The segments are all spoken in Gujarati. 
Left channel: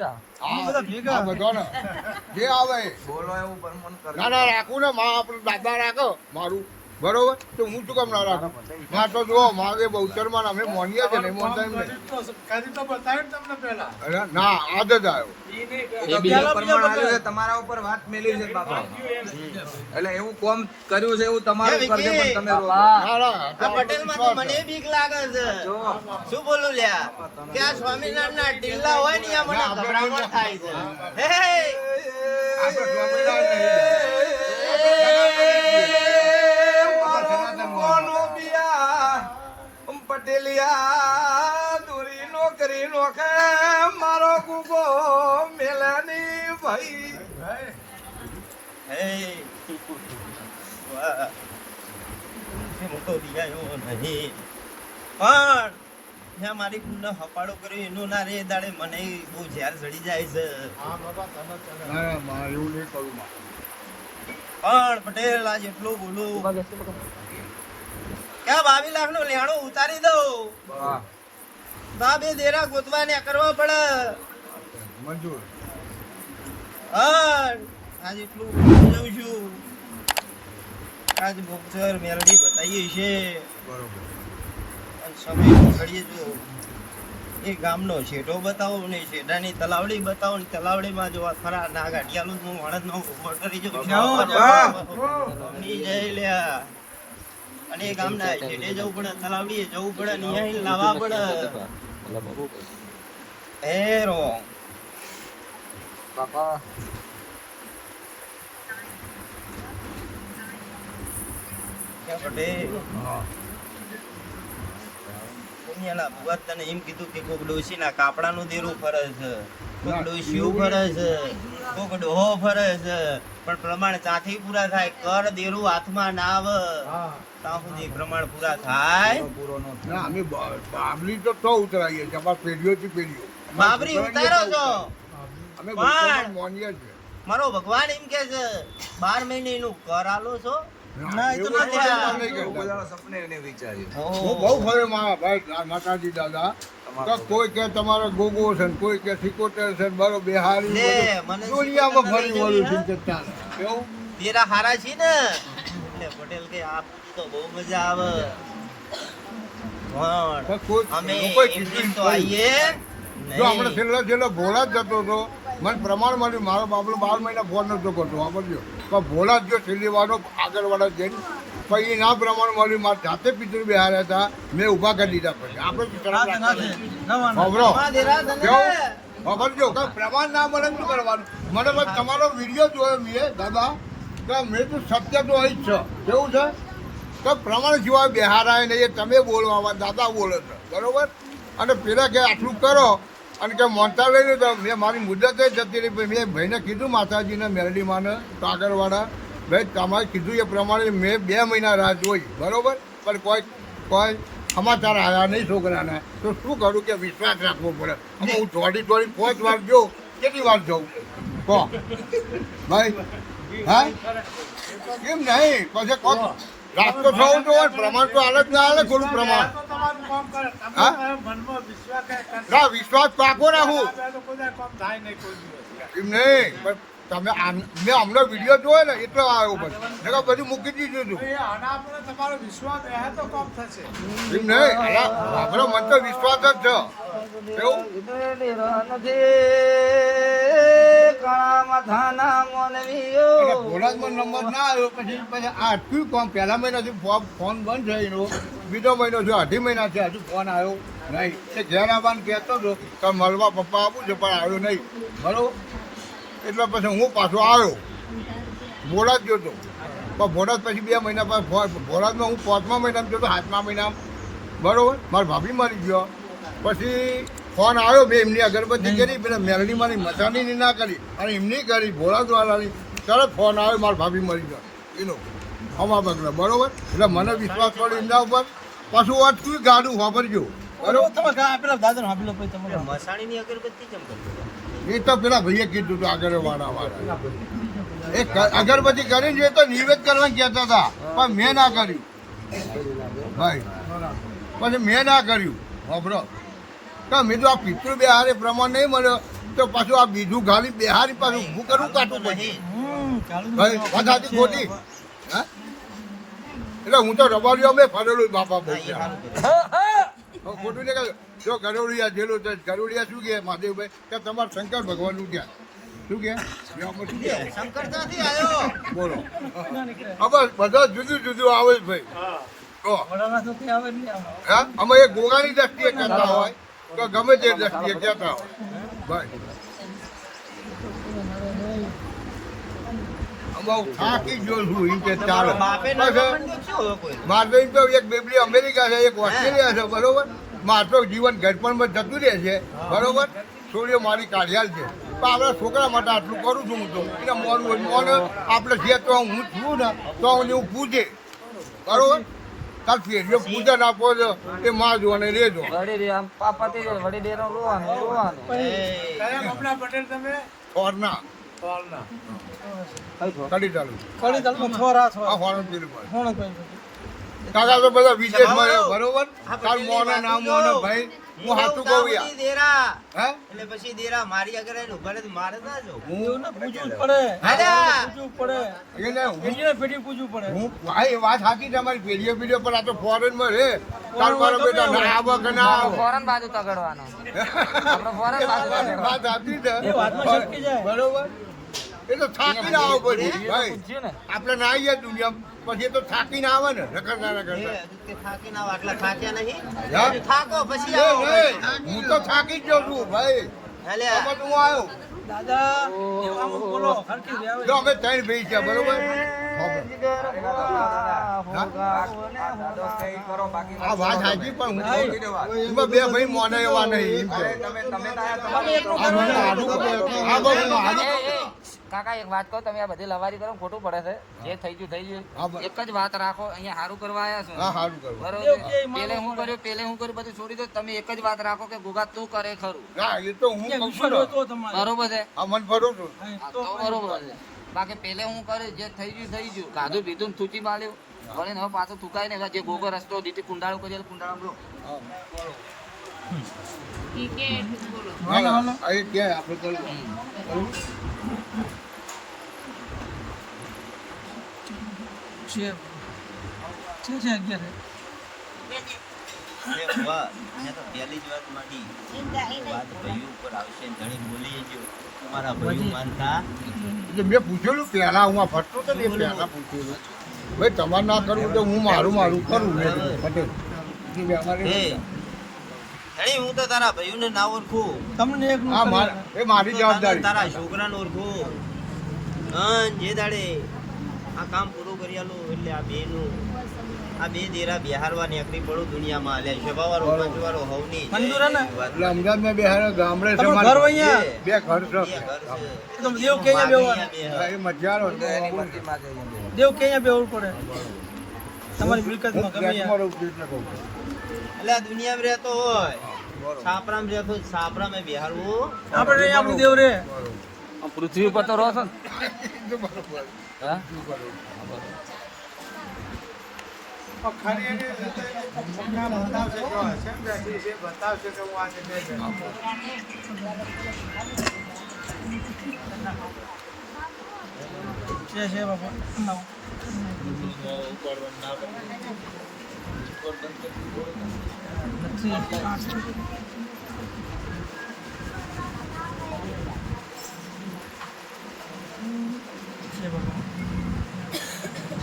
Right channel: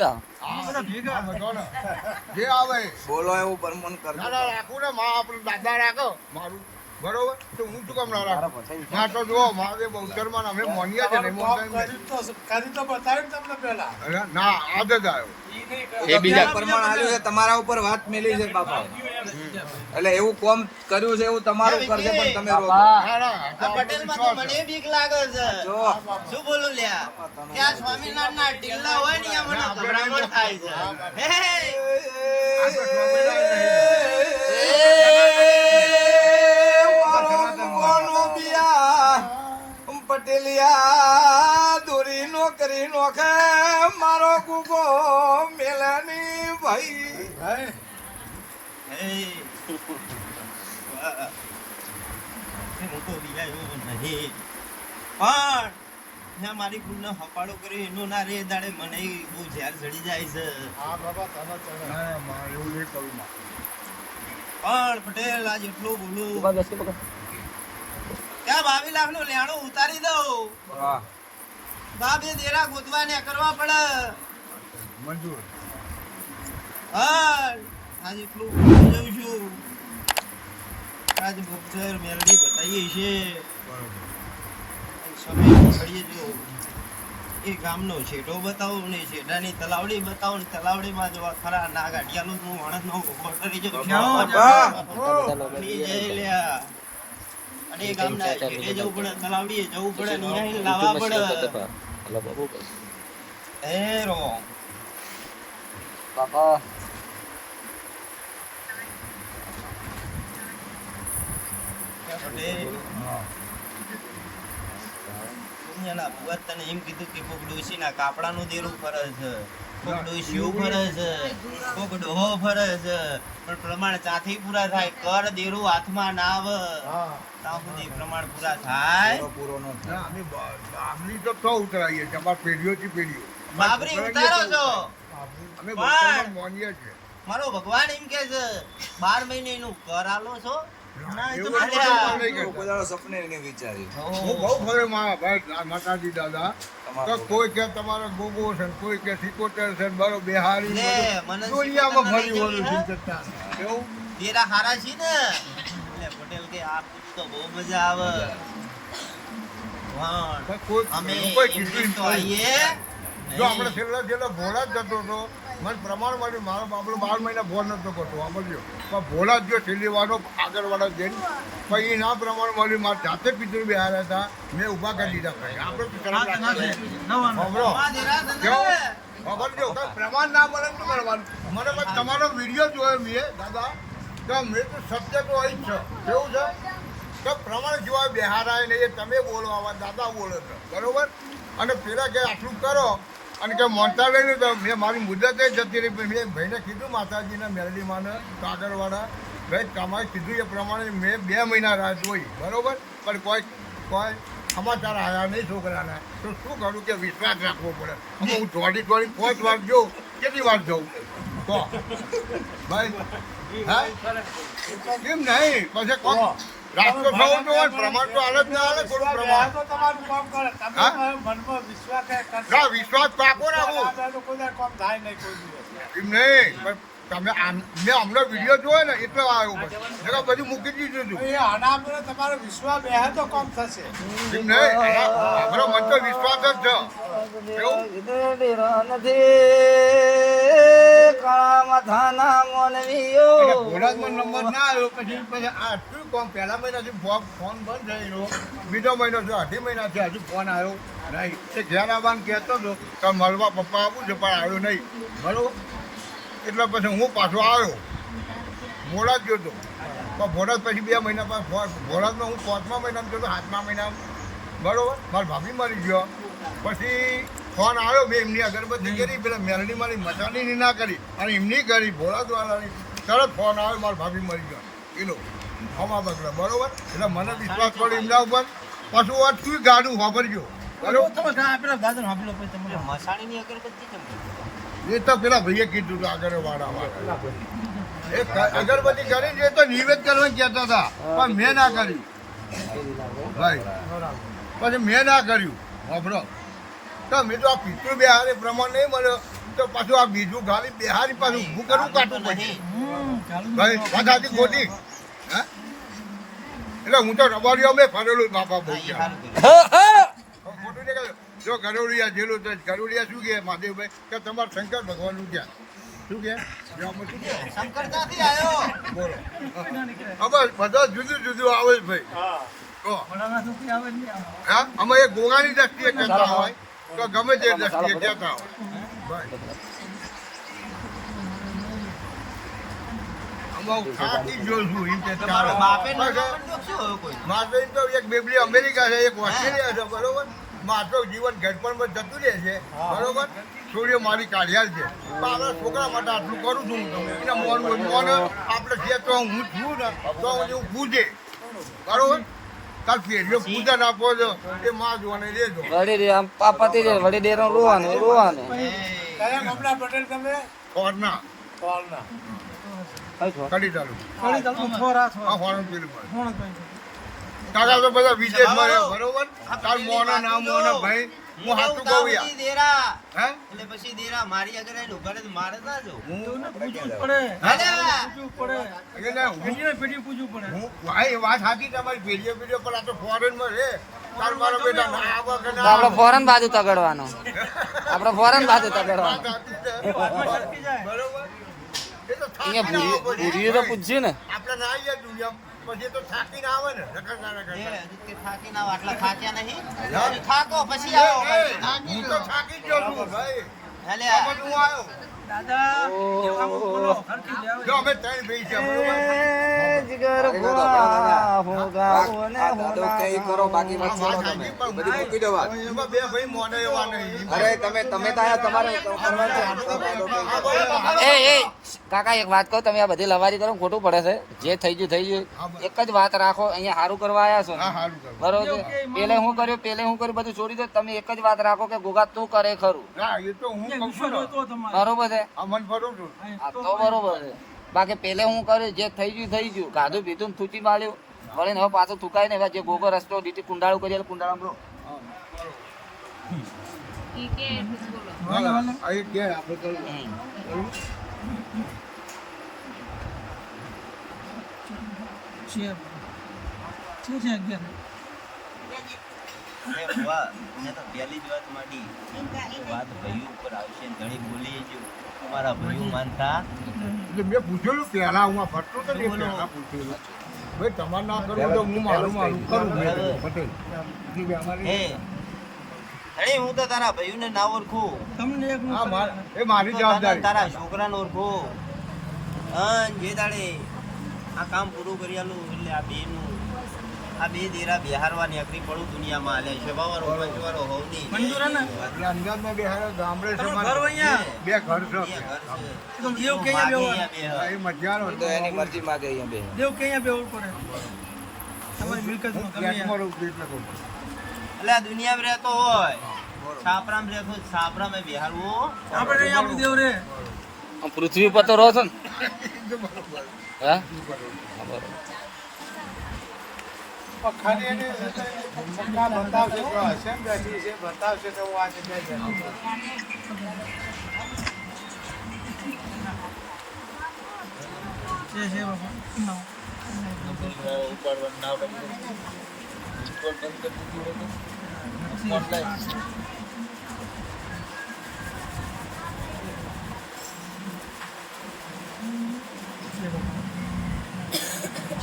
આમાં લઈ જા આવે. બોલો એવું પરમન કરો ના ના રાખું ને માં આપણી દાદા રાખો. મારું. બરોબર? તો હું શું કામ ના રાખું? ના તો જુઓ મારે બહુચરમાં અમે મોનીએ છે નહીં મોનતા. ના આ આવ્યો. એ બીજા પરમણ આવ્યું છે, તમારા ઉપર વાત મેલી છે બાપા. એટલે એવું કોમ કર્યું છે એવું તમારું કરજો પણ તમે પટેલમાં તો મને બીક લાગે છે. શું બોલું લ્યા? કે આ સ્વામિનારાયણ ના ટીલા હોય ને અહીંયા મને ગભરામણ થાય છે. પટેલિયા દોરી નો નોખે મારો કુકો મેલાની પણ જ્યાં મારી કુંડને હપાડો કર્યો, એનો ના રે દાડે મને બહુ ઝેર ચડી જાય છે. પણ પટેલ, આજ એટલું બોલું ક્યાં બાવીસ લાખનું લેણું ઉતારી દઉં. બા, બે દેરા ગોતવા ને કરવા પડે આજ એટલું બોલી છું આજ બોક્સર મેલડી બતાવીએ છે અને સમય પકડીએ જો એ ગામનો છેટો બતાવો ને છેટાની તલાવડી બતાવો ને તલાવડીમાં જો આ ખરા ના ગાંઠિયાલું હું. માણસનો નો જો જઉં અને એ ગામના છેટે જવું પડે તલાવડીએ જવું પડે નિહાળી લાવવા પડે. હે રો. પટેલ દુનિયાના ભુવા તને એમ કીધું કે કોક ડોશીના કાપડાનું દેરું ફરે છે કોક ડોશીયું ફરે છે કોક ડોહો ફરે છે પણ પ્રમાણ ત્યાંથી પૂરા થાય કર દેરું હાથમાં ના આવે. ત્યાં સુધી પ્રમાણ પૂરા થાય. આમની તો ઉતરાઈએ પેઢીઓ. બાબરી ઉતારો છો. પણ- મારો ભગવાન એમ કે છે બાર મહિને એનું કર આલો છો. ના, એવું એવું નથી. નહીં એવું કહેતા. બધાનો સપને નહીં વિચાર્યું હું બહુ ફરે મારા ભાઈ ના- દાદા. કોઈ કે તમારો ગોગો છે કોઈ કે ઠીકોતર છે ને બિહારી લે, મને દુનિયામાં ફરી નથી વળ્યું જવી, કેવું? તેરા હારા છી ને? એટલે પટેલ કે આ પૂછું તો બહુ મજા આવે. પણ અમે કોઈ તો આવીએ આપણે છેલ્લો છેલ્લો ભોળા જ જતો હતો મને પ્રમાણ મળ્યું. મારો બાપડો બાર મહિના ફોન નહોતો કરતો સમજ્યો પણ ભોળા જ ગયો છેલ્લી વાળો આગળ વાળા જઈને. પછી ના પ્રમાણ મળ્યું. મારા જાતે પિતૃ બિહાર હતા. મેં ઊભા કરી દીધા પછી આપણે? વાપરજો કાં પ્રમાણ ના મળે શું કરવાનું? મને બસ તમારો વીડિયો જોયો મેં દાદા? કે મેં તો સત્ય તો અહીં જ છે. કેવું છે? કે પ્રમાણ જોવા બિહાર આવે ને એ તમે બોલો આવા દાદા બોલો બરોબર? અને પેલા કે આટલું કરો અને કે મોનતા લઈ તો મેં મારી મુદત જ જતી રહી મેં ભાઈને કીધું માતાજીને મેરડીમાને કાગળવાળા. ભાઈ તમારે કીધું એ પ્રમાણે મેં બે મહિના રાહ જોઈ, બરોબર? પણ કોઈ કોઈ સમાચાર આવ્યા નહીં છોકરાને. તો શું કરું કે વિશ્વાસ રાખવો પડે. હું દોડી દોડી પાંચ વાર જોઉં. કેટલી વાર જોઉં? કહો ભાઈ, હા? કેમ નહીં? પછી કોણ રાસ્તો થવું તો પ્રમાણ તો હાલત ના આવે થોડું પ્રમાણ ના વિશ્વાસ પાકો રાખું એમ નહીં તમે આમ- મેં અમને વીડિયો જોયો ને એટલો આવ્યો પછી બધું મૂકી દીધું હતું તમારો વિશ્વાસ બે તો કોમ થશે નહીં આપણો મન તો વિશ્વાસ જ છે ઘોડામાં નંબર ના પછી આટલું કોમ? પહેલા મહિનાથી ફોન બંધ થયેલો બીજો મહિનો જો અઢી છે હજી ફોન આવ્યો નહીં. તે ઘેર કહેતો હતો કે મળવા પપ્પા આપું છે, પણ આવ્યો નહીં. બરોબર એટલે પછી હું પાછો આવ્યો. બોડાદ ગયો હતો પણ બોડાદ પછી બે મહિના પછી બોડાદમાં હું પાંચમા મહિનામાં ગયો હતો સાતમા મહિનામાં. બરોબર? મારા ભાભી મરી ગયો. પછી ફોન આવ્યો મેં એમની અગરબત્તી કરી પેલા મેલડી મારી મચાની ના કરી અને એમની કરી ભોળાદવાલાની તરત ફોન આવ્યો મારા ભાભી મરી ગયો. એનો હવા બગડો બરોબર? એટલે મને વિશ્વાસ પડે એમના ઉપર. પાછું વાત તું ગાડું વાપરજો. એ તો પેલા ભાઈએ કીધું હતું આગળ વાળા અગરબત્તી કરી એ તો નિવેદ કરવા કહેતા હતા પણ મેં ના કર્યું ભાઈ પછી મેં ના કર્યું. ગભરો. તો મેં આ પિતૃ બિહારી પ્રમાણ નહીં મળ્યો. તો પાછું આ બીજું ગાલી બિહારી પાછું ઊભું કરવું નહીં. ખોટી? એટલે હું તો રબારીઓ મેં ફરેલું બાપા બહુ ખોટું જો ગરોડિયા જેલો છે ગરોડિયા શું કહે મહાદેવભાઈ? કે તમારે શંકર ભગવાનનું ક્યાં? શું કહે? શું કે શંકર ત્યાંથી આવ્યો? બોલો. હવે બધા જુદું જુદું આવે છે ભાઈ. તો હા અમે એક ગુગાની દ્રષ્ટિએ કહેતા હોય તો ગમે તે દ્રષ્ટિએ કહેતા હોય. મારે તો એક બેબલી અમેરિકા છે એક ઓસ્ટ્રેલિયા છે બરોબર? મારે જીવન ઘટપણમાં જતું રહે છે બરોબર? છોકરીઓ મારી કાઢિયાલ છે. તો આપણા છોકરા માટે આટલું કરું છું હું તો. એને મોન મોન આપણે જે તો હું છું ને તો હું પૂછે બરોબર? પેઢીઓ પૂજા ના આપો છો એ માં જો અને રેજો વળી દે આમ પા પતી જાય વળી ડેરો રોવાનું રોવાનું. કયા ગામના પટેલ તમે? કોરના. કડી થોરા પીરું કાકા તો બધા બાબા, બરોબર? આ મોરા નામ ભાઈ? હું હું હાથું કહું દેરા. એટલે પછી દેરા મારી આગળ આવીને ઊભા રહે મારે ના જવું. એવું પૂછવું પડે. હાલ્યા. પૂછવું પડે. એને હું પેઢી પૂછવું પડે. હું ભાઈ વાત સાચી તમારી. પેઢીઓ પીઢીઓ પર આ તો ફોરેનમાં રે તાર ફોરેન મારો માં બેટા ગમે ના આવા કે ના આપણે આવે. ફોરન બાજુ તગડવાનું. આપણે ફોરન બાજુ તગડવાનું. પૂછ્યું ને. આપણે ના આવીએ દુનિયા પછી તો થાકીને આવે ને નકર ના નકર એ ના. હજુ કે થાકી ના આટલા થાક્યા નહીં થાકો પછી આવો હું તો થાકી જ ગયો છું ભાઈ હાલ્યા. હું આવ્યો દાદા એવું બોલો હરખી રહેવું. જો અમે ત્રણ ભાઈ છે બરોબર કરો બાકી આ વાત સાચી પણ હું મૂકી દો વાત. એમાં બે ભાઈ મોને એવા નહીં અરે તમે તમે તો તમારે કાકા એક વાત કહું તમે આ બધી લવારી કરો ખોટું પડે છે. જે થઈ ગયું થઈ ગયું. એક જ વાત રાખો અહીંયા સારું કરવા આવ્યા છો. હા સારું કરો બરોબર? પેલે હું કર્યું પેલે હું કર્યું બધું છોડી દે તમે એક જ વાત રાખો કે ગોગા તું કરે ખરું. બરોબર છે? આ મન ભરું છું આ તો બરોબર છે. બાકી પેલે હું કર્યું જે થઈ ગયું થઈ ગયું. કાધું પીધું થૂચી માર્યું. વળીને હવે પાછું થૂકાય ને જે ગોગો રસ્તો દીધી કુંડાળું કરી કુંડાળું હાલો, હાલો. આ ક્યાં આપણે છે. છે છે? અગિયાર. એ બુઆ, મેં તો પહેલી જ વાત માંડી. વાત ભાઈઓ ઉપર આવશે ને બોલી જો. તમારા ભાઈઓ માનતા મેં પૂછેલું પહેલા હું ફરતો પૂછ્યું ભાઈ તમારે ના કરવું તો હું મારું મારું. કરું બરાબર. પટેલ. ઈ બે અમારે- હે ધણી હું તો તારા ભાઈઓને ના ઓળખું. તમને એક. એ મારી હું જવાબદારી. તારા છોકરાને ઓળખું. અન જે દાડે આ કામ પૂરું કરી આલું એટલે આ બે નું આ બે દેરા બિહારવા નીકળી પડું દુનિયામાં. હાલે શભાવાળો મંજવાળો હોવની મંજૂર હે અંજારમાં બે ગામડે છે ઘર અહીંયા? બે ઘર છે. બે ઘર છે. તો દેવ કે અહીંયા બે તો એની મરજી માં ગઈ બે દેવ કે અહીંયા બેહવું પડે? તમારી મિલકતમાં હું ગમે. એટલે આ દુનિયામાં રહેતો હોય. છાપરામ હોય, છાપરામાં બિહારવું. આપણે અહીંયા આપણું દેવ રે પૃથ્વી પર તો રહો છો ને. હા? એને બતાવશે કેમ બેઠી છે બતાવશે કે હું આજે બે જણ. છે છે બાપુ નવ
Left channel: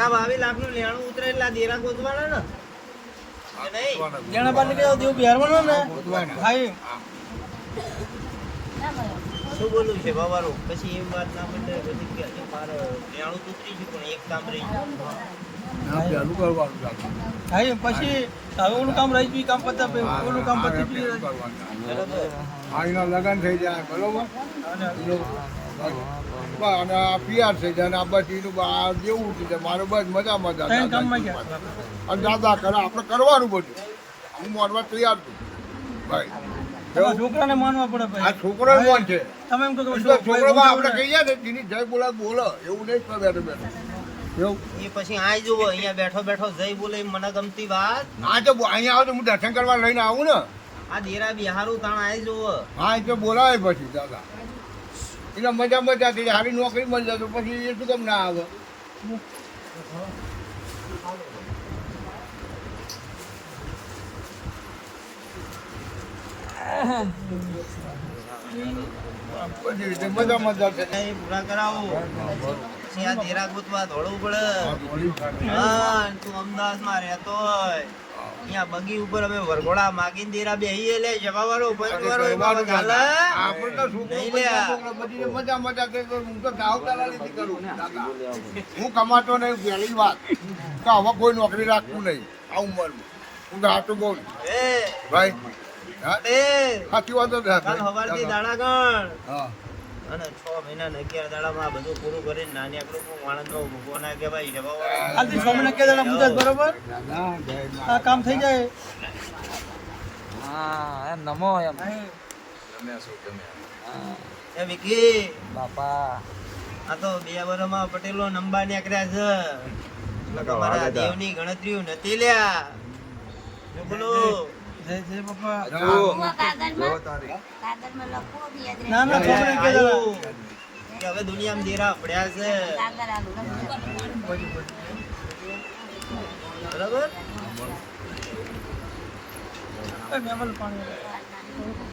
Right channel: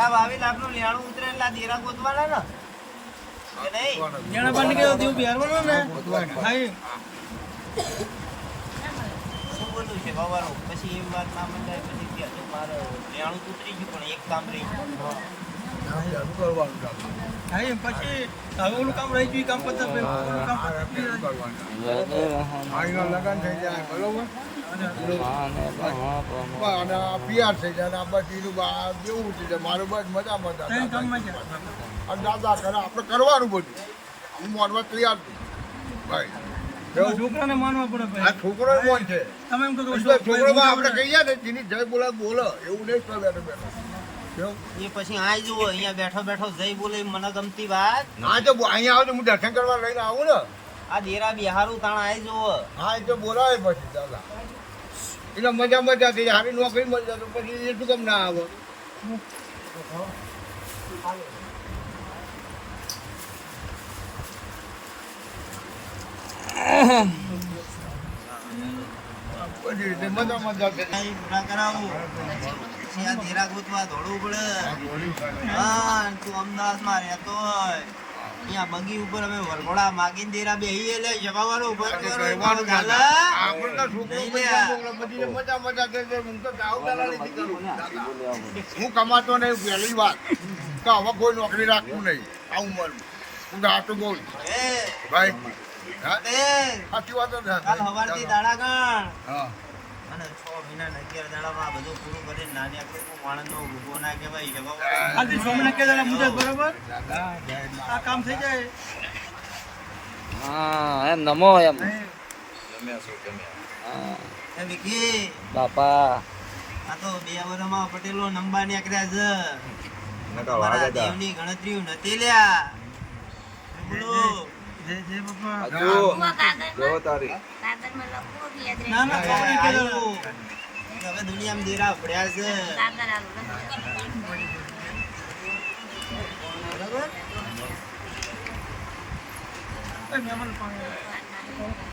ત્યાં બાવીસ લાખનું લેણું ઉતરે એટલે દેરા ગોતવાના ને? કે નહીં? જેણે બાંધી કે દેવ? બિહારવાનો ને ભાઈ. શું બોલું છે બાબારું પછી એમ વાત ના મંડે પછી કે હજુ મારે લેણું તો ઉતરી ગયું પણ એક કામ રહી ગયું. આ. ભાઈ પછી હવે ઓલું કામ રહી ગયું કામ પતા ઓલું કામ પતી ગયું બરાબર. આઈના થઈ જાય બરોબર? ના, આ PR અને આ આ જેવું છે મારું બસ મજામાં હતા. દાદા કરે આપણે કરવાનું બધું. હું માનવા તૈયાર છું. છોકરાને માનવા પડે આ છોકરો કોણ છે. તમે એમ કહો તો એટલે ભાઈ છોકરામાં આપણે કહીએ ને જય બોલા બોલો. એવું નહીં કરે તમે એ પછી આય જુઓ અહીંયા બેઠો બેઠો જય બોલે મને ગમતી વાત. હા તો અહીંયા આવે હું દર્શન કરવા લઈને આવું ને. આ દેરા બિહારું તાણ આય જુઓ. હા એ તો બોલાવે પછી દાદા. એને મજા મજા થઈ સારી નોકરી મળી જાય પછી એ શું કેમ ના આવે? પૂરા કરાવું પછી આ દેરા ગોતવા દોડવું પડે હા તું અમદાવાદમાં રહેતો હોય અહીંયા બગી ઉપર અમે વરઘોડા માગીને દેરા બેહીએ લે જવાવાળો ઉપર કરો એ બાબા ચાલે? નહીં. લે. બધી મજા મજા કે હું તો દાવતાના નથી કરું. હું કમાતો ને પહેલી વાત. કે હવે કોઈ નોકરી રાખવું નહીં. આવું મન. હું ગાતો બોલ. એ. ભાઈ હા, એ. સાચી વાત. કાલ સવારથી દાડા ગણ. હા. અને છ મહિના અગિયાર દાડામાં આ બધું પૂરું કરીને નાની આપણે વાણંદનો ભૂકો ના કે ભાઈ જવાવાળો આજથી દાડા મુદત બરોબર? આ કામ થઈ જાય? હા એમ નમો એમ. એ વિકી બાપા. આ તો બે વર્ષમાં પટેલો નંબા નીકળ્યા છે. તમારા દેવની ગણતરીઓ નથી લ્યા. બોલો જય જય બાપા. જો જો તારી. કાગળમાં લખો ને યાદ ના ના છોકરી કે દાડા હવે દુનિયામાં દેરા પડ્યા છે. બરાબર? પાણી.